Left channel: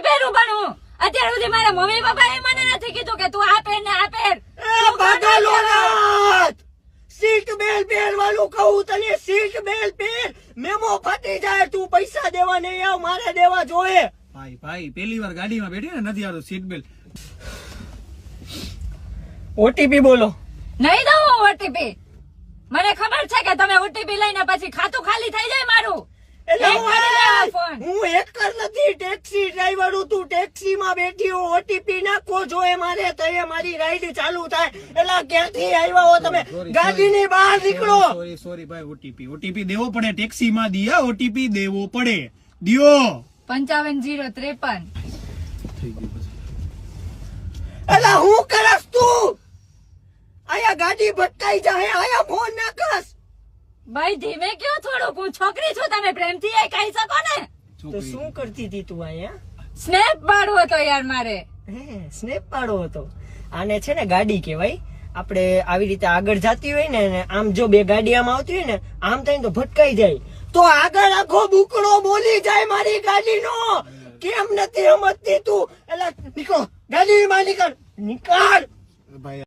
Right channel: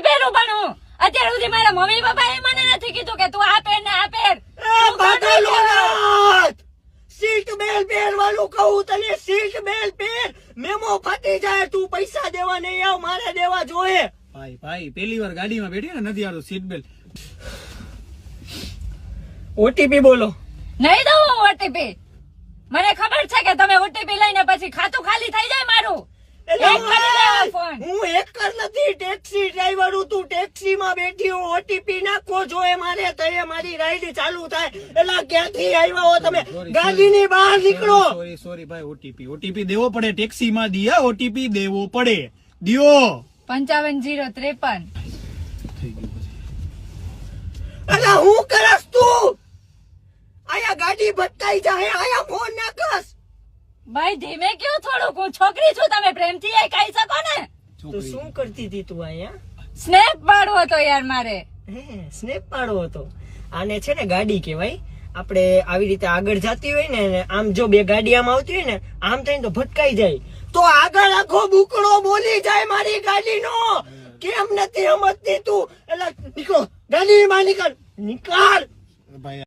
નહીં પહેરું પણ હું અત્યાર સુધી મારા મમ્મી પપ્પા એ મને નથી કીધું કે તું આ પહેર ને આ પહેર. પાગલો નાથ, સીટ બેલ્ટ પહેરવાનું કહું તને, સીટ બેલ્ટ પહેર. મેમો ફાટી જાય, તું પૈસા દેવા નહીં આવ, મારે દેવા જોઈએ. ભાઈ પહેલી વાર ગાડીમાં બેઠી ને નથી આવતો સીટ બેલ્ટ. ઓટીપી બોલો. નહીં દઉં ઓટીપી. મને ખબર છે કે તમે ઓટીપી લઈને પછી ખાતું ખાલી થઈ જાય મારું. હું હેકર નથી, ટેક્સી ડ્રાઈવર હું. તું ટેક્સી માં બેઠી હો, ઓટીપી નાખવો જોઈએ મારે, તો મારી રાઈડ ચાલુ થાય. એટલે ક્યાંથી આવ્યા હો તમે? ગાડીની બહાર નીકળો. સોરી ભાઈ, ઓટીપી દેવો પડે, ટેક્સી માં દિયા ઓટીપી દેવો પડે. દિયો 550353. અલા હું કરસ તું? આયા ગાડી ભટકાઈ જાય, આયા ફોન નાખસ. ભાઈ ધીમે કયો થોડુંક, હું છોકરી છું, તમે પ્રેમથી એ કહી શકો ને. તો શું કરતી હતી તું અહીંયા? સ્નેપ પાડવો હતો યાર મારે. સ્નેપ પાડવો હતો. આને છે ને ગાડી કહેવાય. આપણે આવી રીતે આગળ જતી હોય ને, આમ જો બે ગાડી આમ આવતી હોય ને, આમ થઈને તો ભટકાઈ જાય, તો આગળ આખો બુકડો બોલી જાય મારી ગાડીનો. કેમ નથી સમજતી તું? એટલે નીકળો, ગાડીમાં નીકળ. ભાઈ